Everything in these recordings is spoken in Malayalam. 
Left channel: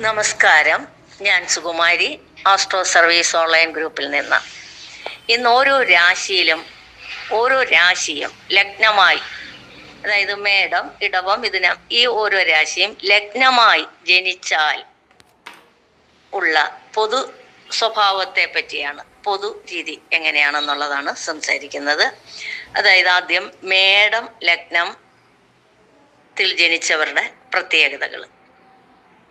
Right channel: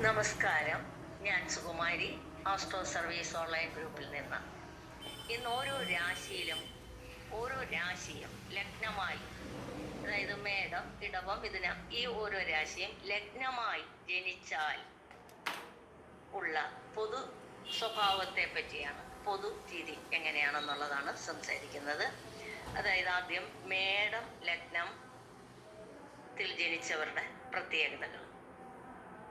നമസ്കാരം. ഞാൻ സുകുമാരി, ആസ്ട്രോ സർവീസ് ഓൺലൈൻ ഗ്രൂപ്പിൽ നിന്ന്. ഇന്ന് ഓരോ രാശിയും ലഗ്നമായി, അതായത് മേടം, ഇടവം, മിഥുനം, ഈ ഓരോ രാശിയും ലഗ്നമായി ജനിച്ചാൽ ഉള്ള പൊതു സ്വഭാവത്തെ പറ്റിയാണ്, പൊതു രീതി എങ്ങനെയാണെന്നുള്ളതാണ് സംസാരിക്കുന്നത്. അതായത് ആദ്യം മേടം ലഗ്നത്തിൽ ജനിച്ചവരുടെ പ്രത്യേകതകൾ.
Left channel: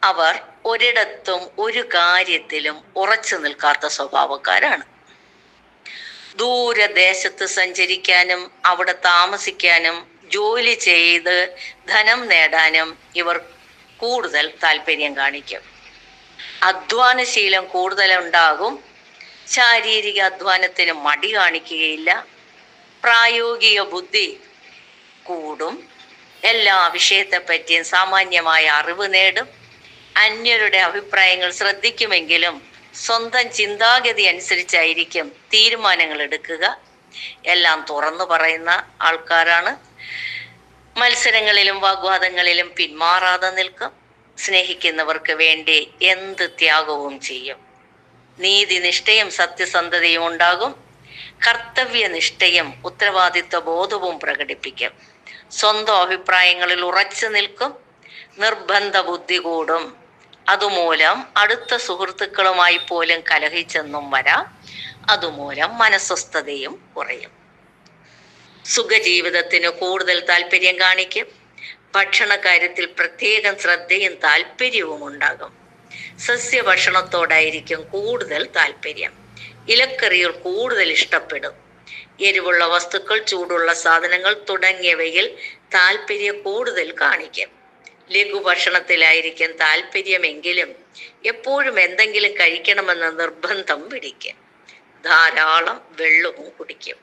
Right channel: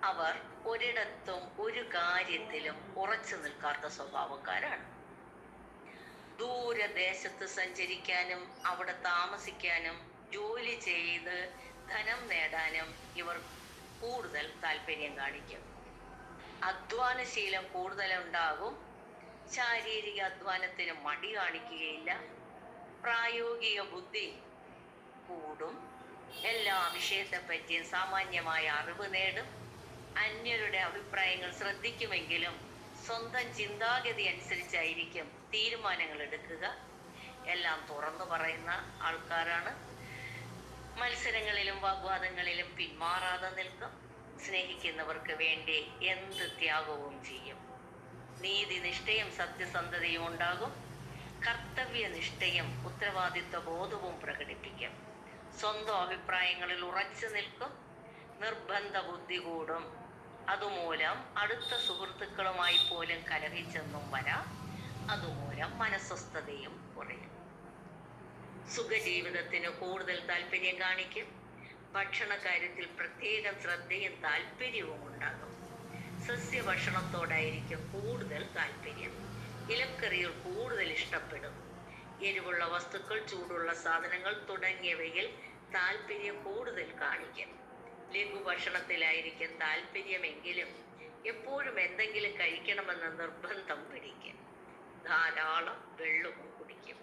അവർ ഒരിടത്തും ഒരു കാര്യത്തിലും ഉറച്ചു നിൽക്കാത്ത സ്വഭാവക്കാരാണ്. ദൂരദേശത്ത് സഞ്ചരിക്കാനും അവിടെ താമസിക്കാനും ജോലി ചെയ്ത് ധനം നേടാനും ഇവർ കൂടുതൽ താല്പര്യം കാണിക്കും. അധ്വാനശീലം കൂടുതലുണ്ടാകും. ശാരീരിക അധ്വാനത്തിന് മടി കാണിക്കുകയില്ല. പ്രായോഗിക ബുദ്ധി കൂടും. എല്ലാ വിഷയത്തെപ്പറ്റിയും സാമാന്യമായ അറിവ് നേടും. അന്യരുടെ അഭിപ്രായങ്ങൾ ശ്രദ്ധിക്കുമെങ്കിലും സ്വന്തം ചിന്താഗതി അനുസരിച്ചായിരിക്കും തീരുമാനങ്ങൾ എടുക്കുക. എല്ലാം തുറന്നു പറയുന്ന ആൾക്കാരാണ്. മത്സരങ്ങളിലും വാഗ്വാദങ്ങളിലും പിന്മാറാതെ നിൽക്കും. സ്നേഹിക്കുന്നവർക്ക് വേണ്ടി എന്ത് ത്യാഗവും ചെയ്യും. നീതിനിഷ്ഠയും സത്യസന്ധതയും ഉണ്ടാകും. കർത്തവ്യനിഷ്ഠയും ഉത്തരവാദിത്വ ബോധവും പ്രകടിപ്പിക്കും. സ്വന്തം അഭിപ്രായങ്ങളിൽ ഉറച്ചു നിൽക്കും. നിർബന്ധ ബുദ്ധി കൂടും. അതുമൂലം അടുത്ത സുഹൃത്തുക്കളുമായി പോലും കലഹിച്ചെന്നും വരാം. അതുമൂലം മനസ്വസ്ഥതയും കുറയും. സുഖജീവിതത്തിന് കൂടുതൽ താല്പര്യം കാണിക്കും. ഭക്ഷണ കാര്യത്തിൽ പ്രത്യേകം ശ്രദ്ധയും താല്പര്യവും ഉണ്ടാകും. സസ്യഭക്ഷണത്തോടായിരിക്കും കൂടുതൽ താല്പര്യം. ഇലക്കറികൾ കൂടുതൽ ഇഷ്ടപ്പെടും. എരിവുള്ള വസ്തുക്കൾ, ചൂടുള്ള സാധനങ്ങൾ തുടങ്ങിയവയിൽ താല്പര്യം കൂടുതൽ കാണിക്കും. ലഘുഭക്ഷണത്തിലായിരിക്കും താല്പര്യമെങ്കിലും എപ്പോഴും എന്തെങ്കിലും കഴിക്കണമെന്ന നിർബന്ധം പിടിക്കും. ധാരാളം വെള്ളവും കുടിക്കും.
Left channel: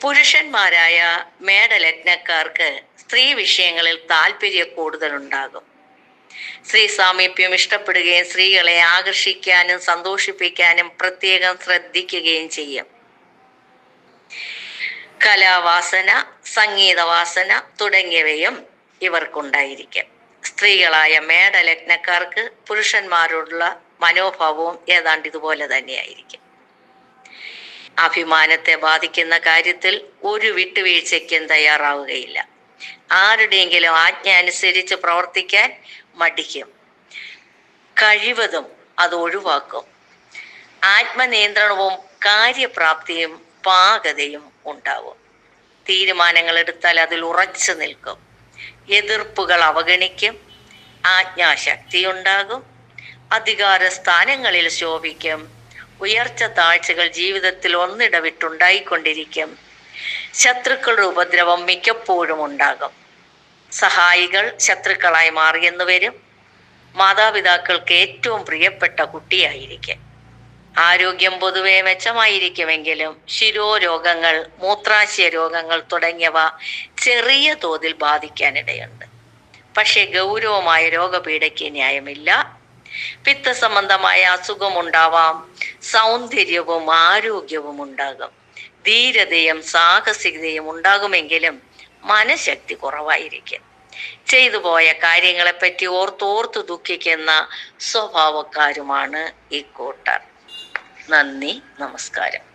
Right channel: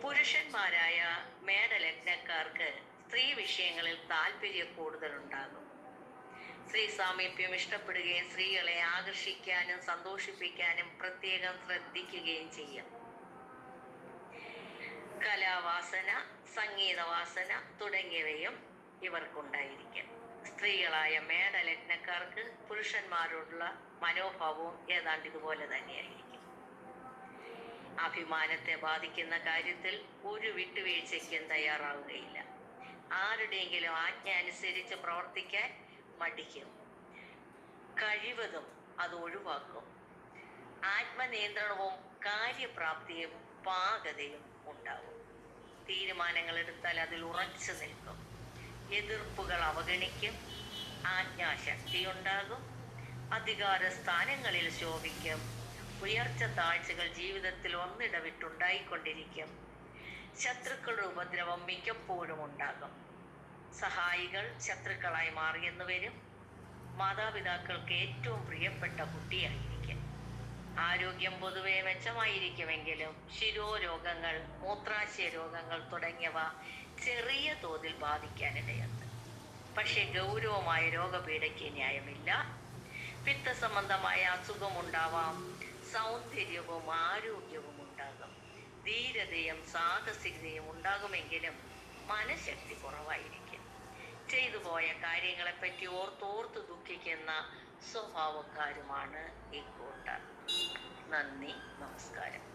പുരുഷന്മാരായ മേടലഗ്നക്കാർക്ക് സ്ത്രീ വിഷയങ്ങളിൽ താല്പര്യം കൂടുതലുണ്ടാകും. സ്ത്രീ സാമീപ്യം ഇഷ്ടപ്പെടുകയും സ്ത്രീകളെ ആകർഷിക്കാനും സന്തോഷിപ്പിക്കാനും പ്രത്യേകം ശ്രദ്ധിക്കുകയും ചെയ്യും. കലാവാസന, സംഗീതവാസന തുടങ്ങിയവയും ഇവർക്കുണ്ടായിരിക്കും. സ്ത്രീകളായ മേടലഗ്നക്കാർക്ക് പുരുഷന്മാരോടുള്ള മനോഭാവവും ഏതാണ്ട് ഇതുപോലെ തന്നെയായിരിക്കും. അഭിമാനത്തെ ബാധിക്കുന്ന കാര്യത്തിൽ ഒരു വിട്ടുവീഴ്ചയ്ക്കും തയ്യാറാവുകയില്ല. ആരുടെയെങ്കിലും ആജ്ഞ അനുസരിച്ച് പ്രവർത്തിക്കാൻ മടിക്കും. കഴിവതും അത് ഒഴിവാക്കും. ആത്മനിയന്ത്രണവും കാര്യപ്രാപ്തിയും പാകതയും ഉണ്ടാവും. തീരുമാനങ്ങൾ എടുത്താൽ അതിൽ ഉറച്ചു നിൽക്കും. എതിർപ്പുകൾ അവഗണിക്കും. ആജ്ഞാശക്തി ഉണ്ടാകും. അധികാര സ്ഥാനങ്ങളിൽ ശോഭിക്കും. ഉയർച്ച താഴ്ചകൾ ജീവിതത്തിൽ ഒന്നിടവിട്ടുണ്ടായിക്കൊണ്ടിരിക്കും. ശത്രുക്കളുടെ ഉപദ്രവം മിക്കപ്പോഴും ഉണ്ടാകും. സഹായികൾ ശത്രുക്കളായി മാറിയെന്ന് വരും. മാതാപിതാക്കൾക്ക് ഏറ്റവും പ്രിയപ്പെട്ട കുട്ടിയായിരിക്കും. ആരോഗ്യം പൊതുവെ മെച്ചമായിരിക്കുമെങ്കിലും ശിരോരോഗങ്ങൾ, മൂത്രാശയ രോഗങ്ങൾ തുടങ്ങിയവ ചെറിയ തോതിൽ ബാധിക്കാനിടയുണ്ട്. പക്ഷെ ഗൗരവമായ രോഗപീഠയ്ക്ക് ന്യായമില്ല. പിത്തസംബന്ധമായ അസുഖമുണ്ടാവാം. സൗന്ദര്യവും ആരോഗ്യവും ഉണ്ടാകും. ധീരതയും സാഹസികതയും ഉണ്ടാകുമെങ്കിലും മനഃശക്തി കുറവായിരിക്കും. ചെയ്തു പോയ കാര്യങ്ങളെപ്പറ്റി ഓർത്തോർത്ത് ദുഃഖിക്കുന്ന സ്വഭാവക്കാരുമാണ് ഈ കൂട്ടർ. നന്ദി, നമസ്കാരം.